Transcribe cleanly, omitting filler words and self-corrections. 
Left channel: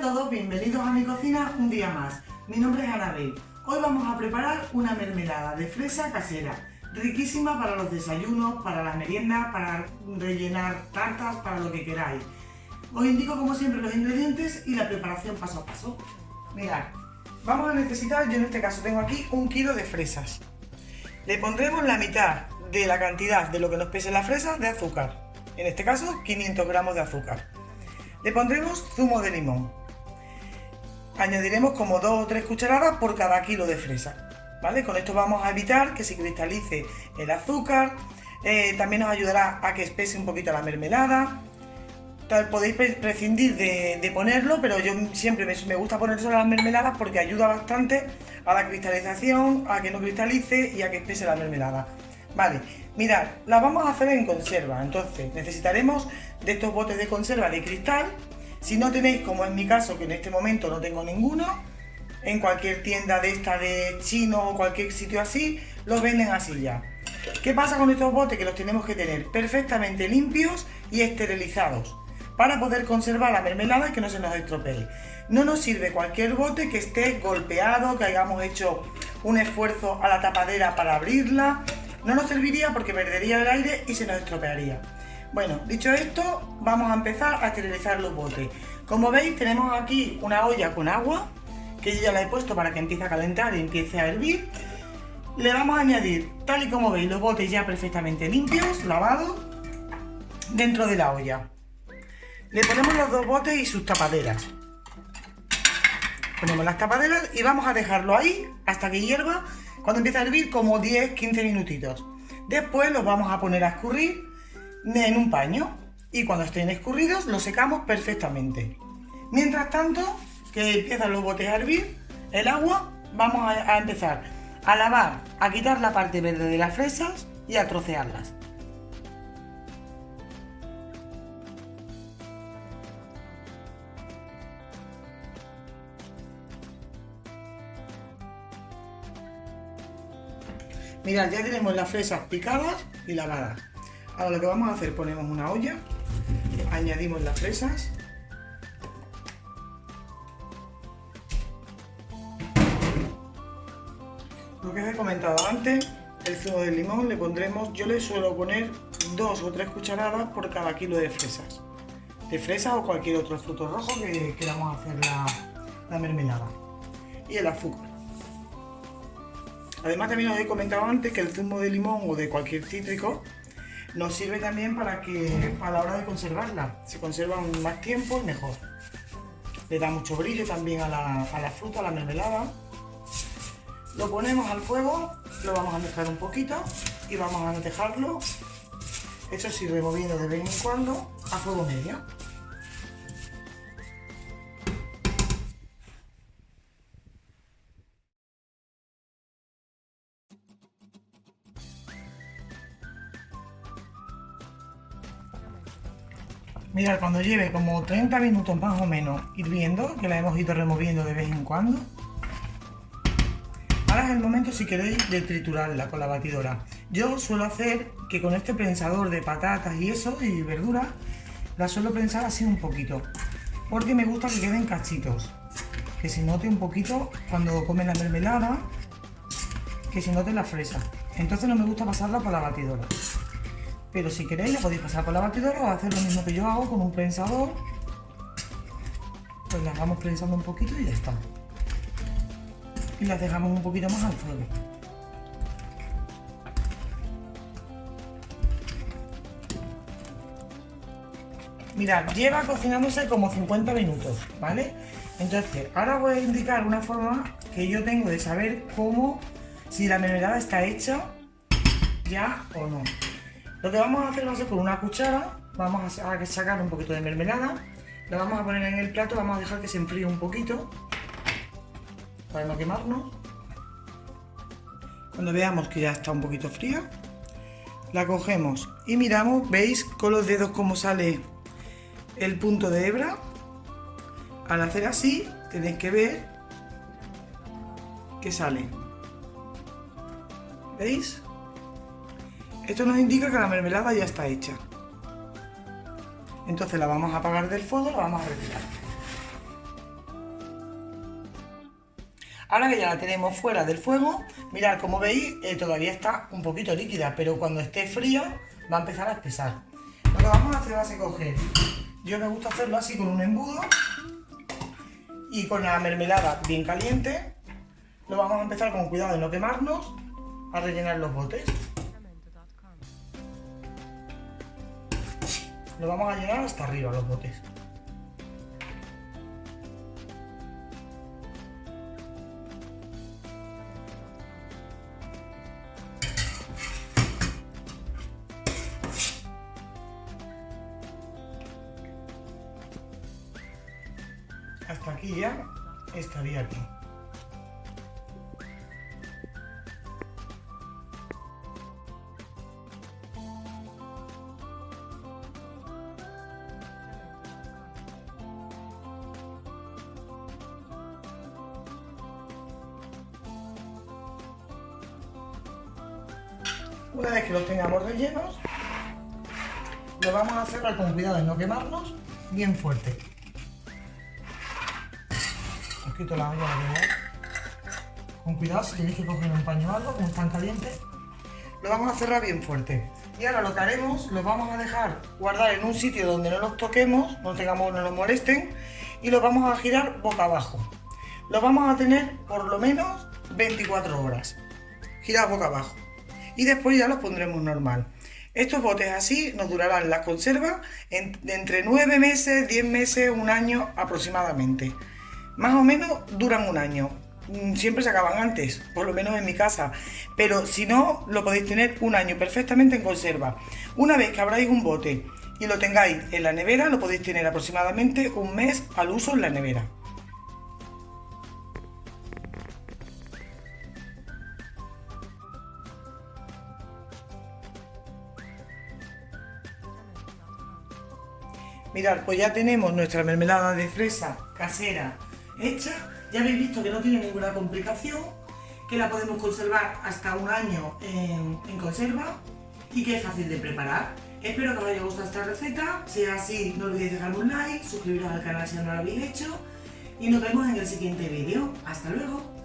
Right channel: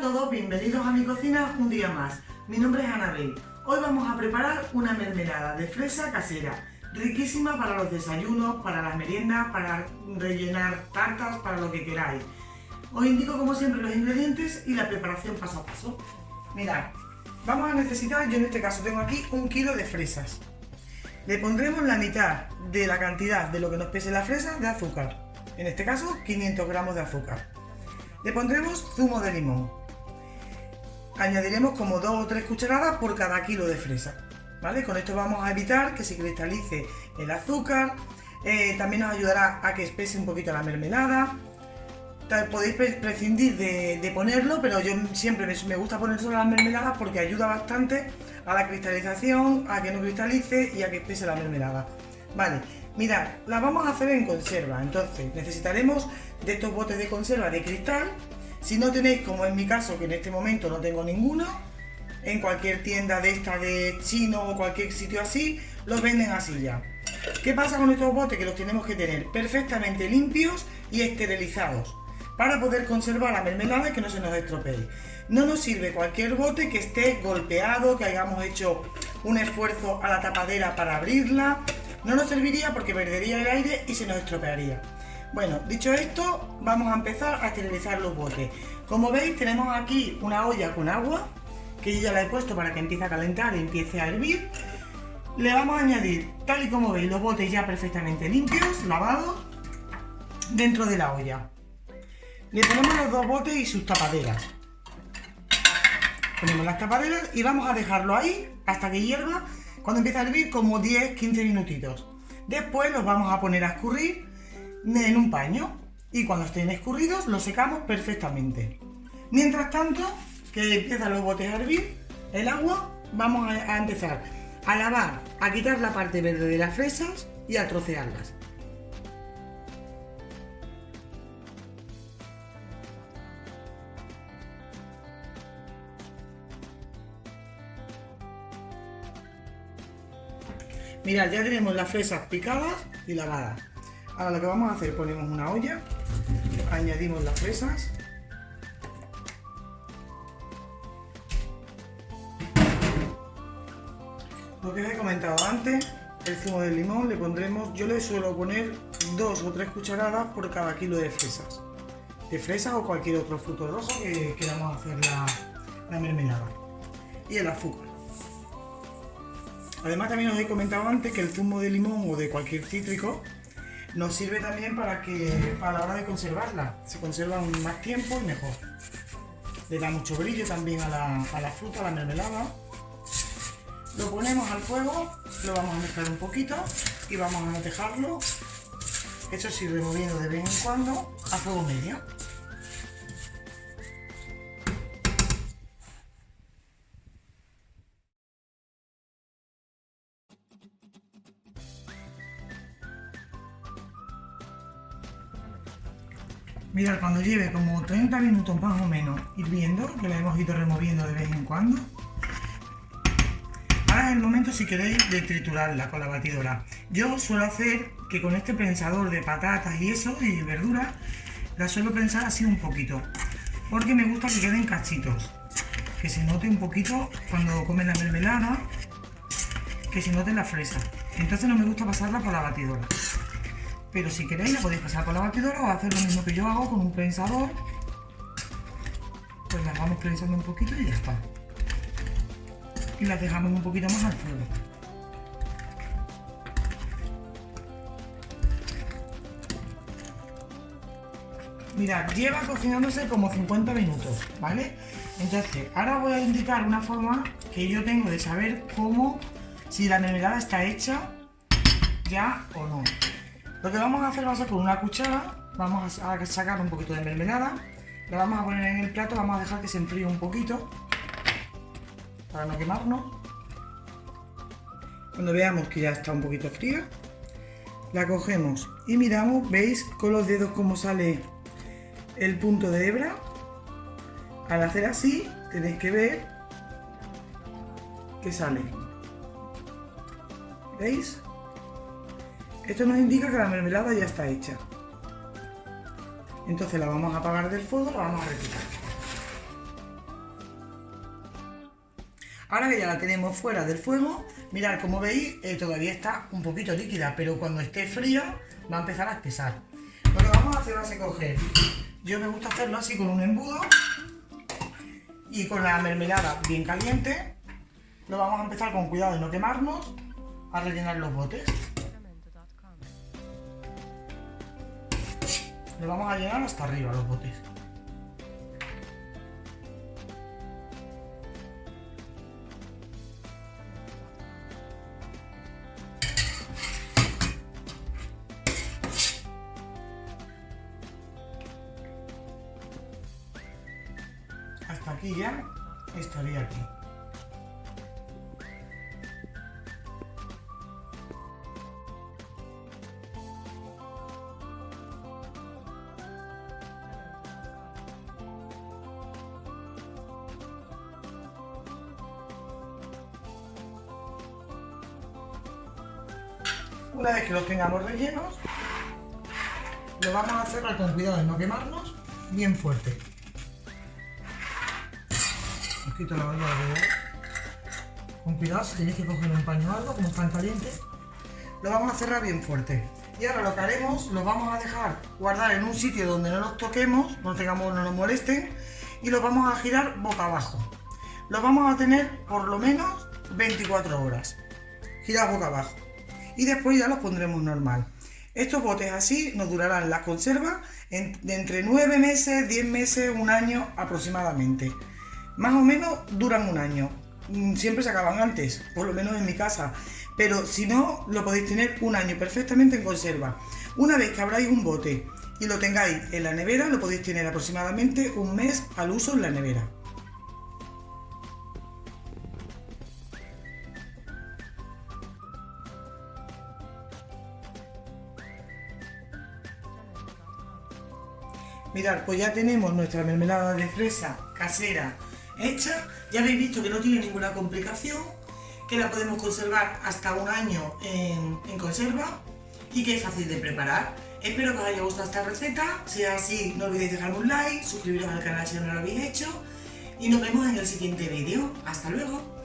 a todos, bienvenidos a mi cocina un día más. Mi nombre es Anabel. Hoy vamos a preparar una mermelada de fresa casera, riquísima para los desayunos, para las meriendas, para rellenar tartas, para lo que queráis. Os indico como siempre los ingredientes y la preparación paso a paso. Mirad, vamos a necesitar, yo en este caso tengo aquí 1 kilo de fresas. Le pondremos la mitad de la cantidad de lo que nos pese la fresa de azúcar. En este caso 500 gramos de azúcar. Le pondremos zumo de limón. Añadiremos como 2 o 3 cucharadas por cada kilo de fresa, ¿vale? Con esto vamos a evitar que se cristalice el azúcar. También nos ayudará a que espese un poquito la mermelada. Podéis prescindir de ponerlo, pero yo siempre me gusta poner solo las mermeladas porque ayuda bastante a la cristalización, a que no cristalice y a que espese la mermelada. Vale, mirad, las vamos a hacer en conserva, entonces necesitaremos de estos botes de conserva de cristal. Si no tenéis, como en mi caso, que en este momento no tengo ninguno, en cualquier tienda de esta de chino o cualquier sitio así, los venden así ya. ¿Qué pasa con estos botes? Que los tenemos que tener perfectamente limpios y esterilizados para poder conservar la mermelada y que no se nos estropee. No nos sirve cualquier bote que esté golpeado, que hayamos hecho un esfuerzo a la tapadera para abrirla. No nos serviría porque perdería el aire y se nos estropearía. Bueno, dicho esto, vamos a empezar a esterilizar los botes. Como veis, tenemos aquí una olla con agua, que yo ya la he puesto para que empiece a calentar y empiece a hervir. Le vamos a añadir, tal y como veis, los botes ya perfectamente limpios, lavados, dentro de la olla. Le ponemos los 2 botes y sus tapaderas. Ponemos las tapaderas y vamos a dejarlo ahí hasta que hierva, cuando empiece a hervir, como 10-15 minutitos. Después los vamos a poner a escurrir en un paño y cuando estén escurridos los secamos perfectamente. Mientras tanto, que empiezan los botes a hervir, el agua, vamos a empezar a lavar, a quitar la parte verde de las fresas y a trocearlas. Mirad, ya tenemos las fresas picadas y lavadas. Ahora lo que vamos a hacer, ponemos una olla, añadimos las fresas, lo que os he comentado antes, el zumo de limón le pondremos, yo le suelo poner 2 o 3 cucharadas por cada kilo de fresas. De fresa o cualquier otro fruto rojo que queramos hacer la mermelada. Y el azúcar. Además, también os he comentado antes que el zumo de limón o de cualquier cítrico nos sirve también para la hora de conservarla. Se conservan más tiempo y mejor. Le da mucho brillo también a la fruta, a la mermelada. Lo ponemos al fuego, lo vamos a mezclar un poquito y vamos a dejarlo, eso sí, removiendo de vez en cuando a fuego medio. Mirad, cuando lleve como 30 minutos más o menos hirviendo, que la hemos ido removiendo de vez en cuando, ahora es el momento, si queréis, de triturarla con la batidora. Yo suelo hacer que con este prensador de patatas y eso, y verduras, la suelo prensar así un poquito, porque me gusta que queden cachitos, que se note un poquito cuando comen la mermelada, que se note la fresa. Entonces no me gusta pasarla por la batidora. Pero si queréis la podéis pasar por la batidora o hacer lo mismo que yo hago con un prensador. Pues las vamos prensando un poquito y ya está. Y las dejamos un poquito más al fuego. Mirad, lleva cocinándose como 50 minutos, ¿vale? Entonces, ahora voy a indicar una forma que yo tengo de saber si la mermelada está hecha ya o no. Lo que vamos a hacer va a ser con una cuchara, vamos a sacar un poquito de mermelada, la vamos a poner en el plato, vamos a dejar que se enfríe un poquito para no quemarnos. Cuando veamos que ya está un poquito fría, la cogemos y miramos, ¿veis con los dedos cómo sale el punto de hebra? Al hacer así, tenéis que ver que sale. ¿Veis? Esto nos indica que la mermelada ya está hecha. Entonces la vamos a apagar del fuego y la vamos a retirar. Ahora que ya la tenemos fuera del fuego, mirad, como veis, todavía está un poquito líquida, pero cuando esté fría va a empezar a espesar. Lo que vamos a hacer va a ser coger, yo me gusta hacerlo así con un embudo y con la mermelada bien caliente, lo vamos a empezar con cuidado de no quemarnos a rellenar los botes. Lo vamos a llenar hasta arriba los botes. Hasta aquí ya estaría aquí. Una vez que los tengamos rellenos, lo vamos a cerrar con cuidado de no quemarnos bien fuerte. Os quito la olla de verdad. Con cuidado, si tenéis que coger un paño o algo, como están calientes. Lo vamos a cerrar bien fuerte. Y ahora lo que haremos, los vamos a dejar guardar en un sitio donde no los toquemos, no nos molesten, y los vamos a girar boca abajo. Los vamos a tener por lo menos 24 horas. Girar boca abajo. Y después ya los pondremos normal. Estos botes así nos durarán la conserva de entre 9 meses, 10 meses, un año aproximadamente. Más o menos duran un año. Siempre se acaban antes, por lo menos en mi casa. Pero si no, lo podéis tener un año perfectamente en conserva. Una vez que abráis un bote y lo tengáis en la nevera, lo podéis tener aproximadamente un mes al uso en la nevera. Mirad, pues ya tenemos nuestra mermelada de fresa casera hecha. Ya habéis visto que no tiene ninguna complicación, que la podemos conservar hasta un año en conserva y que es fácil de preparar. Espero que os haya gustado esta receta. Si es así, no olvidéis dejarme un like, suscribiros al canal si no lo habéis hecho y nos vemos en el siguiente vídeo. ¡Hasta luego!